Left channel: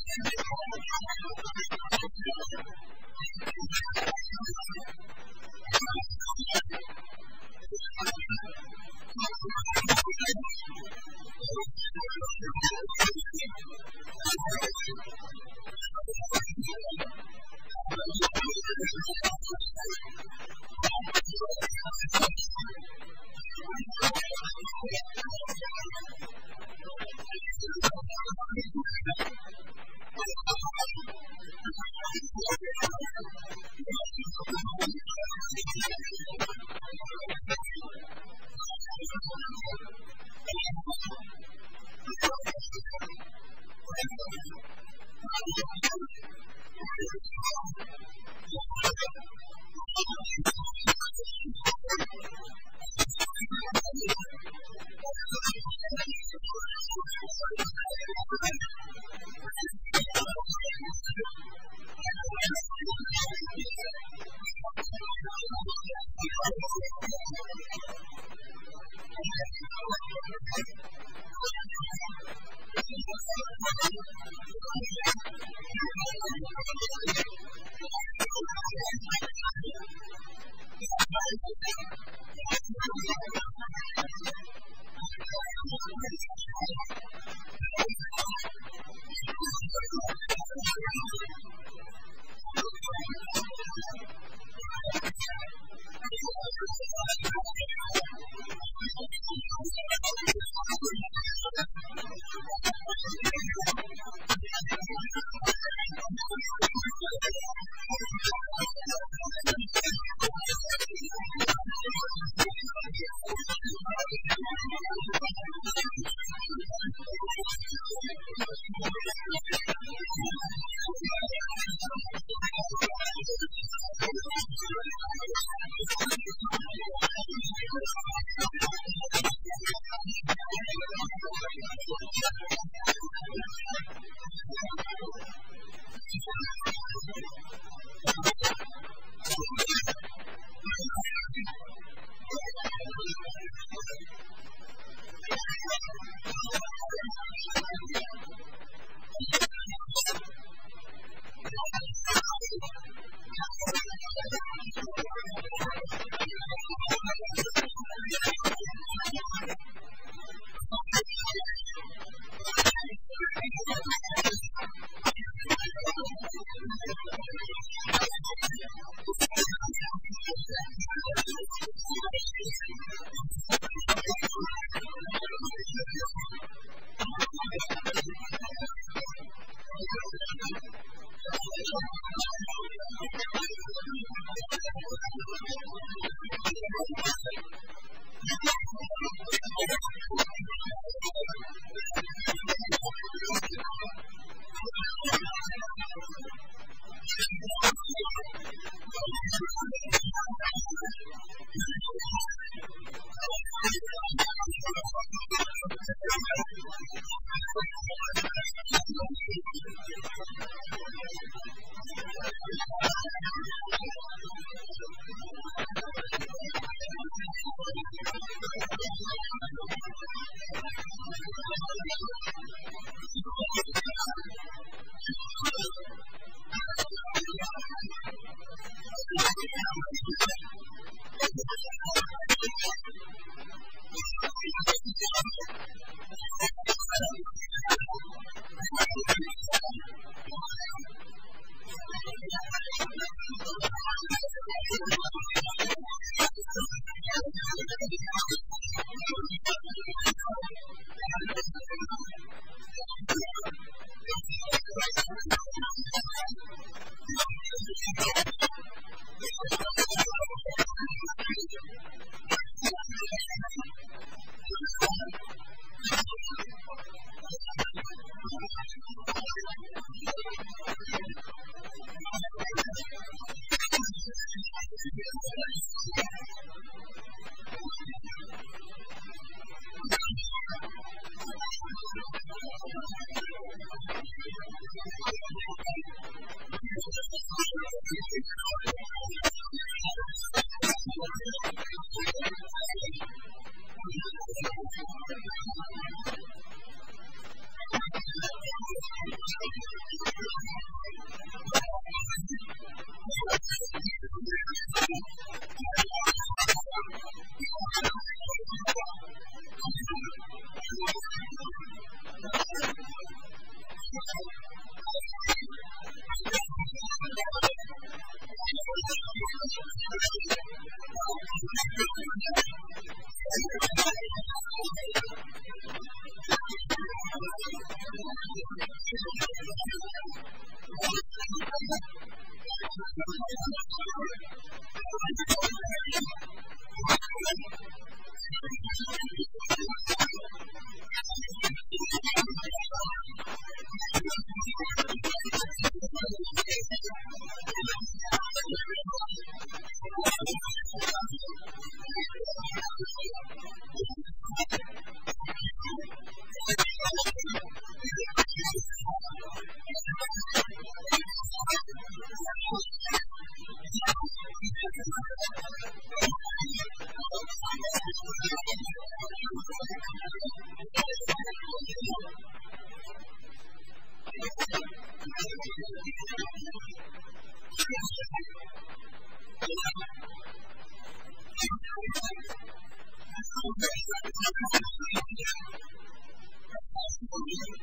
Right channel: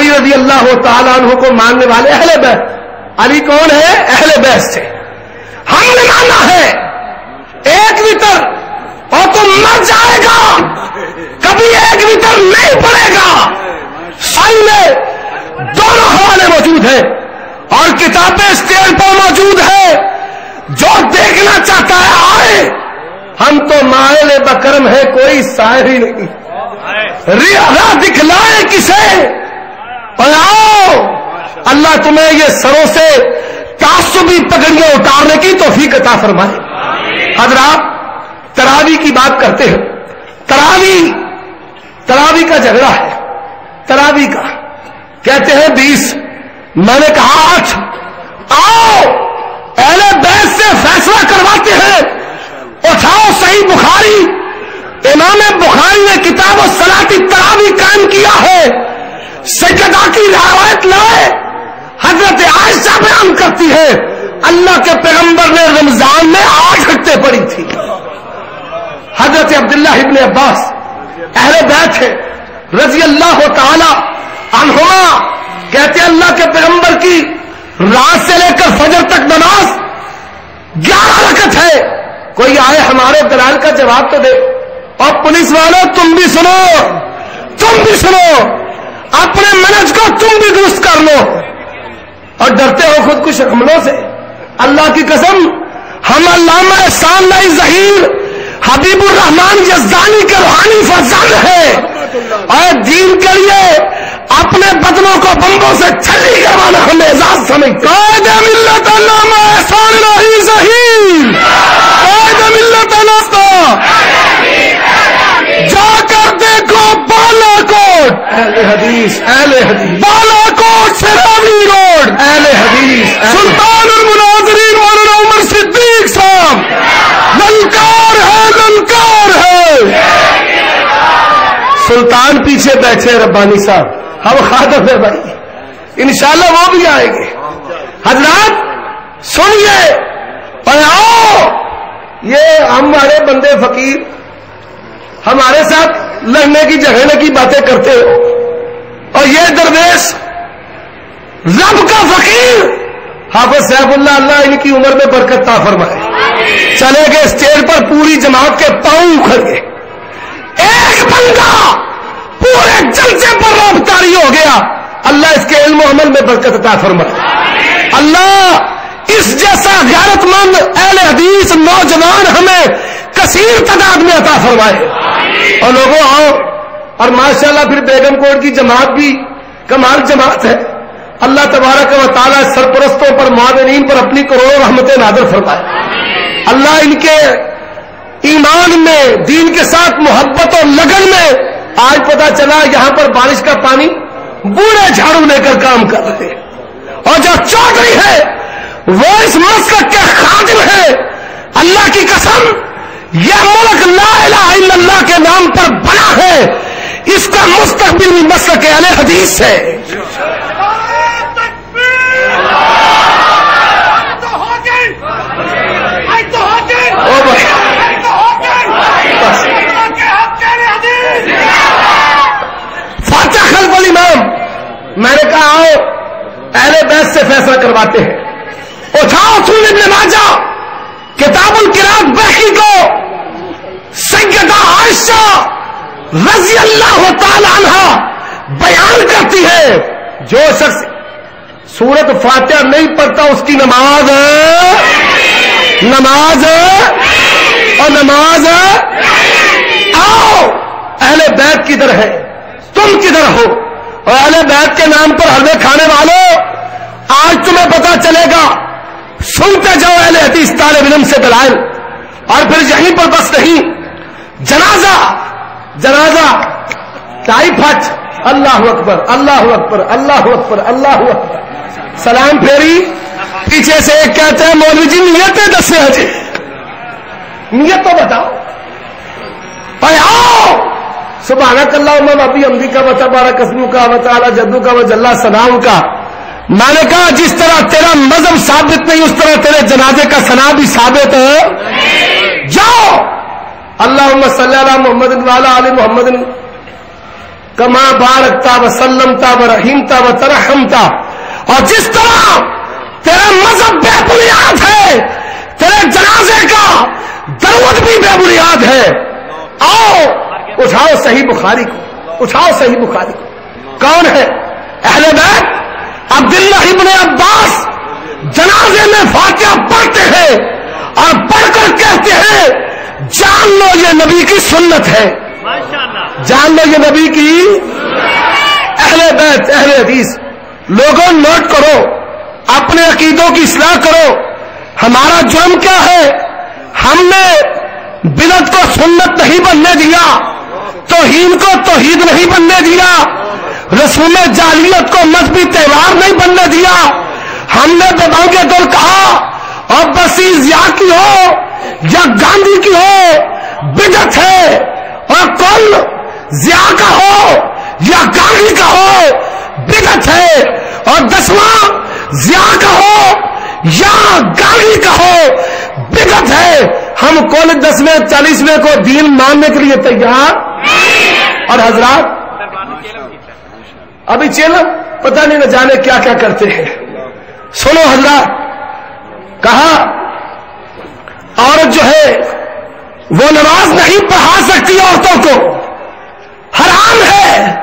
علی رضی اللہ تعالیٰ عنہ کو ماننے والے اہل بیت. علی کون ہے؟ اہل بیت سے. ہم نے مانا ہے ایک وتر اور تو مر جائے گا, کبھی ایک وتر نہیں پڑے گا. سائی میں دونوں حوالے موجود ہیں اور کتابیں اسٹیج پر موجود ہے. جو دیکھنا چاہتا ہے آئے. ہم تو مائل بکرم ہے, کوئی سائر ہی نہیں. راہ دکھلائے کسے اور آؤ. اللہ تمہیں یہ سروں سے تعصبی پگڑیاں اتارنے کی توفیق عطا فرمائے. حضرات تراوی کی بات کرتے ہیں. تراوی کا جھگڑا ہے. تراوی کا کہتے ہیں 20, میں نے کہا 8. آؤ اہل بیت سے فیصلہ کرواتے ہیں. اٹھاؤ صحیح بخاری, امام بخاری نے کتاب الصلاۃ تراوی قائم کیا ہے. سیدہ کی روایت لائے. حضرت عائشہ بیان کرتی ہے اللہ کے پیغمبر نے رمضان میں 8 رکعتیں پڑھی تھی. حضرت عبداللہ ابن عباس اہل بیت ہے رضی اللہ تعالی عنہما, کہتے ہیں اللہ کے پیغمبر کی رات سے لے کر فجر تک نماز 11 رکعت ہے. کوئی آئے ہمارے دلال کا جواب تو دے. اور پولیس والوں تم بھی سنو, اپنے منہج کو تم بھی درست کر لو. اور ڈرتے ہو خود کش حملوں سے. اللہ کی قسم ہم علامہ احسان اللہ ظہیر حبیب الرحمان یزدانی کے روحانی فرزند ہیں اور دین کے لیے اپنے بدنوں کو بمبوں سے چھلی کروانا ہمیں اعزاز سمجھتے. قائد ملت علامہ احسان اللہ ظہیر, قائد ملت جا کر دیکھو بالا کوٹ, اہل حدیث بالا کوٹ سے راوی روڈ, اہل حدیث سلطان المناظرین مولانا عمر صدیق صاحب. للکار ہے. سلطان پیچھے بیٹھے ربانی صاحب, ہم خادم ہے بھائی, انشاءاللہ وہ بھی آئیں گے. حضرات سنیے اور آؤ. یہ ہمارے بندے فقیر ہمارے ساتھ لڑنے کی جھگڑنے کی باتیں کرتے ہو, اور یہ درویش رب کا فقیر حافظ سیف اللہ, اللہ ان کی عمر میں برکت عطا فرمائے, چلے گئے اسٹیج پر, پوری جماعت کے پاؤں اکھڑ گئے. ایک بندہ پورے جلسے پر رابطاری ہو گیا. اللہ اس کے علم و عمل میں برکت عطا فرمائے. اللہ اس جیسا غیرت مند اہل حدیث نوجوان ہمیں کثیر تعداد میں عطا فرمائے. اور لوگوں آؤ, اور ماشاءاللہ پھر بیگم کوٹ کی جماعت بھی کمال جماعت ہے. اللہ تبارک و تعالیٰ سرپرستوں پر معاونین پر اپنی کروڑوں رحمتیں نازل فرمائے. اللہ ان کے ایمان میں دین کے ساتھ محبت اور لگن میں, آج پتا چلا یہاں پر بارش کا پانی بوڑھے جھاڑو لے کر کام کر رہے ہیں, اور جو چودھری ہے وہ اس مسلک کے خادم ہے. اللہ کی قسم یہ ملک لا الہ الا اللہ کے نام پر بنا ہے, اس کا مستقبل بھی مسلک اہل حدیث ہے. فاتح خلف الامام, میں نے کہا آؤ اہل بیت سے فیصلہ کرواتے ہیں. اٹھاؤ سنن ابن ماجہ کتاب القراءت بحقی کو سیدہ عائشہ رضی اللہ تعالی عنہ بیان کرتی ہے, جو شخص سورت فاتحہ نہیں پڑھتا اس کی نماز اور نماز. آؤ اہل بیت کدھر ہے, تم کدھر ہو؟ اور اہل بیت کے نام پر حلوے کھانے والوں, آج تمہیں پتا چلے گا. سنتے جاؤ اہل حدیث طالب علم سے دلائل, اور پھر یہیں پر بس نہیں, جنازہ ٹائی پھٹ, اللہ اکبر اللہ اکبر اللہ اکبر اللہ اکبر, سلام پھیری, پیچھے سے ایک کہتے ہیں مولوی جی نیتیں دسے جی, نیت تو بتاؤ. آؤ سبحانک اللہم و بحمدک و تبارک اسمک و تعالی جدک و جل ثناؤک کا. میں نے کہا جس طرح تیرا مذہب ثابت نہیں اس طرح تیرے جنازے کا ثنا بھی ثابت ہے. جاؤ اللہم صلی علی محمد وعلی آل محمد کما بارکتا وسلمتا ورحمتا وترحمتا. اور جس طرح تیرا مذہب بے بنیاد ہے، تیرے جنازے کا درود بھی بے بنیاد ہے. آؤ اٹھاؤ صحیح بخاری کو، اٹھاؤ صحیح بخاری کو. کون ہے اہل بیت؟ عبداللہ ابن عباس جنازے میں فاتحہ پڑھتے ہیں اور پڑھ کر کہتے ہیں جان لو یہ نبی کی سنت ہے، جان لو یہ نبی کی. اہل بیت، اہل حدیث، لوگوں نوٹ کرو، اپنے عقیدوں کی اصلاح کرو. ہمارا جرم کیا ہے؟ ہم نے بدعت کو سنت نہیں بننے دیا، توہین کو توحید نہیں بننے دیا، رسوم جاہلیت کو مذہبی تہوار نہیں بننے دیا. ہم نے بدعوں کے دل کہا اور بسی ضیاء کی ہو یا گاندھی کی ہو بدعت ہے، اور کل ضیاء کا ہو یا گاندھی کا ہو بدعت ہے، اور 10واں ضیاء کا ہو یا گاندھی کا ہو بدعت ہے. ہم کل 10ویں 40ویں کو دین ماننے کے لیے تیار. اور حضرات ابھی چیلم پتہ نہیں نہ جانے کیا کیا کرتے ہیں. سنو حضرات، کہا عورت جو ہے وہ نماز نہیں پڑھا سکتی عورتوں کو، حرام ہے،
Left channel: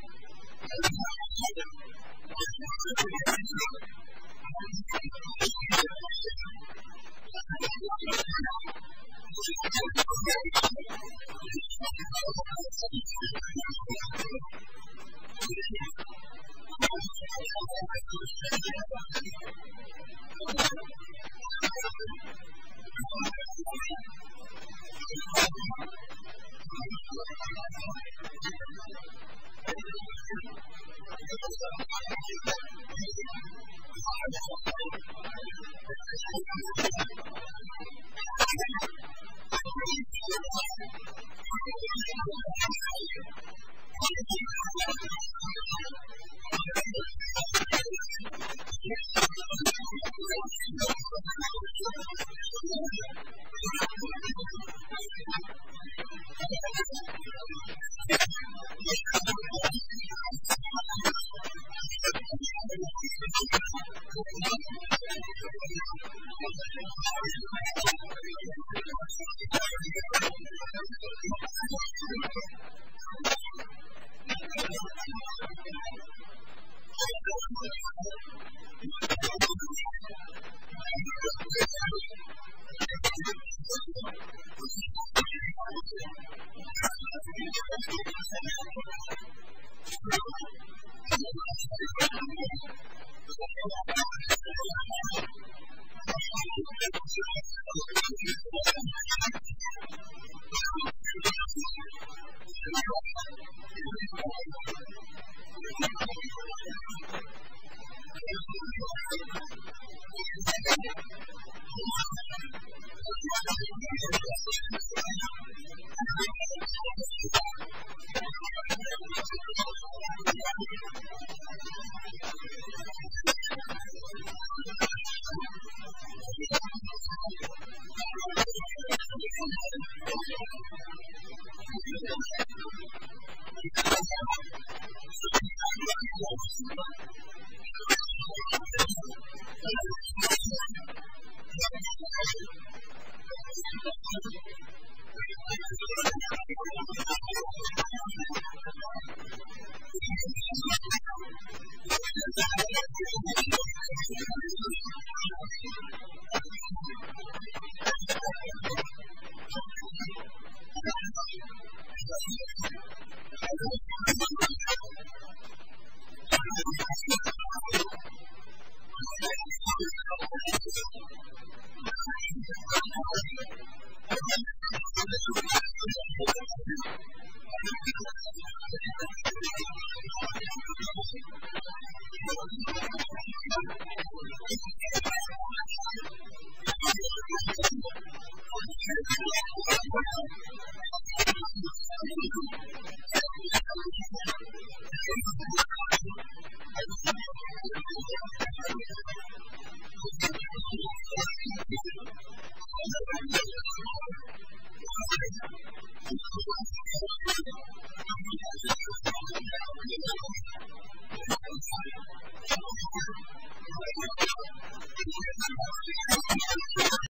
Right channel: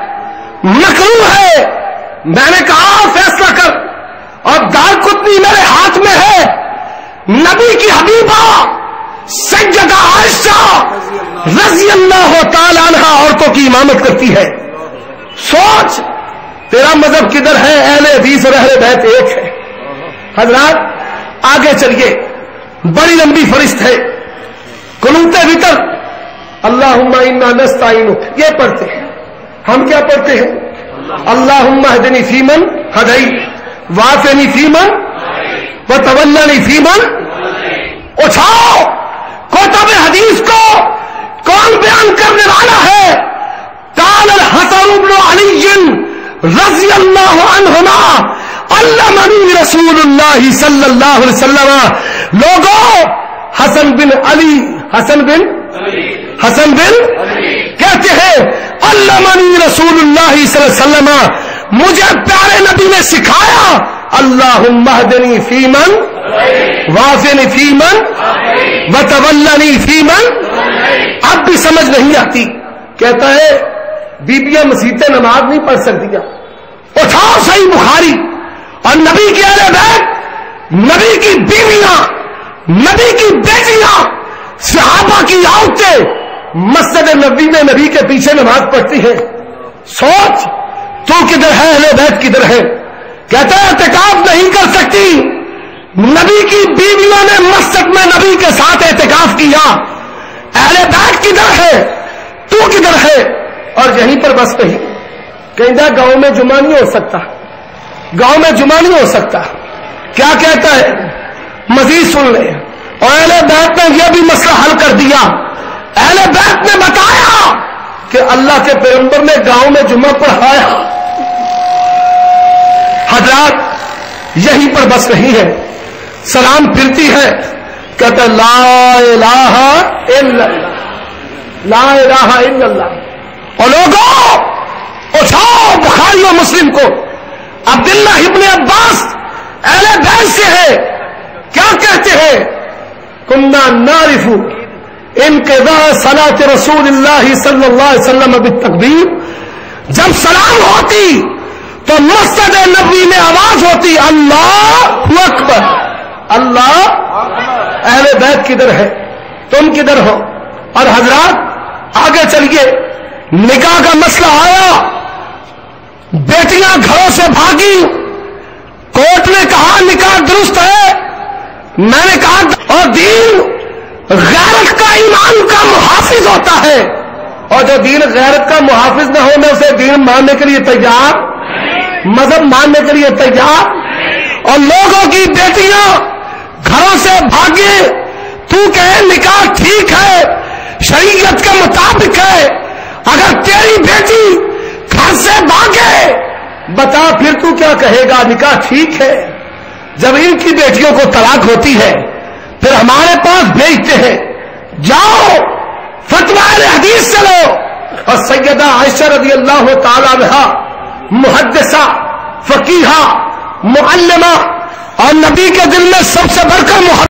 مکروہ ہے. میں نے کہا فیصلہ کر، اور دار کتنی میرے ہاتھ میں ہے. نبی کی حبیبہ سیدہ عائشہ رضی اللہ تعالی عنہ عورتوں کی امامت کرتی ہے. سوچ تیرا مذہب کدھر ہے؟ اہل حدیث اور اہل بیت ایک ہے. حضرات آگے چلیے، بڑی لمبی فہرست ہے. قنوت وتر اللہم انا نستعینک یہ پڑھتے ہیں. ہم کیا پڑھتے ہیں؟ اللہم اہدنی فیمن ہدیت وعافنی فیمن وتولنی فیمن. اٹھاؤ کتب حدیث کو کون بیان کرنے والا ہے؟ قال الحسن بن علی رضی اللہ عنہما علمنی رسول اللہ صلی اللہ علیہ وسلم. لوگوں حسن بن علی، حسن بن کہتے ہیں علمنی رسول اللہ صلی اللہ علیہ وسلم، مجھے پیارے نبی نے سکھایا اللہم اہدنی فیمن وعافنی فیمن وتولنی فیمن. اب بھی سمجھ نہیں آتی. کہتا ہے بیبیاں مسیطیں نماز نہیں پڑھ سکتی. اٹھاؤ صحیح بخاری اور نبی کے اہل بیت، نبی کی بیویاں، نبی کی بیٹیاں، صحابہ کی عورتیں مسجد نبی میں نبی کے پیچھے نماز پڑھتی ہیں. سوچ تو کدھر ہے، اہل بیت کدھر ہے؟ کہتا ہے اعتکاف نہیں کر سکتی. نبی کی بیویوں نے مسجد میں نبی کے ساتھ اعتکاف کیا. اہل بیت کدھر ہے؟ تو کدھر ہے؟ اور یہیں پر بس نہیں، کہیں گاؤں میں جمعہ نہیں ہو سکتا، گاؤں میں جمعہ نہیں ہو سکتا. کیا کہتا ہے؟ مزید سن لیں. اور اہل بیت نے یہ بھی مسئلہ حل کر دیا. اہل بیت نے بتایا کہ اللہ کے پیغمبر نے گاؤں میں جمعہ پڑھایا. حضرات یہیں پر بس نہیں ہے، سلام پھرتی ہے، کہتا لا الہ الا اللہ، لا الہ الا اللہ. اور لوگوں اٹھاؤ بخاری و مسلم کو. عبداللہ ابن عباس اہل بیت سے ہے، کیا کہتے ہیں؟ کنا نعرف انقضاء صلاۃ رسول اللہ صلی اللہ علیہ وسلم بالتکبیر. جب سلام ہوتی تو مسجد نبوی میں آواز ہوتی اللہ اکبر. اللہ. اہل بیت کدھر ہے؟ تم کدھر ہو؟ اور حضرات آگے چلیے، نکاح کا مسئلہ آیا، بیٹیاں گھروں سے بھاگی، کورٹ نے کہا نکاح درست ہے. میں نے کہا اور دین غیرت کا ایمان کا محافظ ہوتا ہے، اور جو دین غیرت کا محافظ نہ ہو میں اسے دین ماننے کے لیے تیار، مذہب ماننے کے لیے تیار. اور لوگوں کی بیٹیاں گھروں سے بھاگے، تو کہے نکاح ٹھیک ہے، شریعت کے مطابق ہے. اگر تیری بیٹی گھر سے بھاگے، بتا پھر تو کیا کہے گا؟ نکاح ٹھیک ہے. جب ان کی بیٹیوں کو طلاق ہوتی ہے پھر ہمارے پاس بھیجتے ہیں جاؤ فتویٰ اہل حدیث سے لو، اور سیدہ عائشہ رضی اللہ تعالی عنہا محدثہ، فقیہہ، معلمہ، اور نبی کے دل میں سب سے بڑھ کر محبت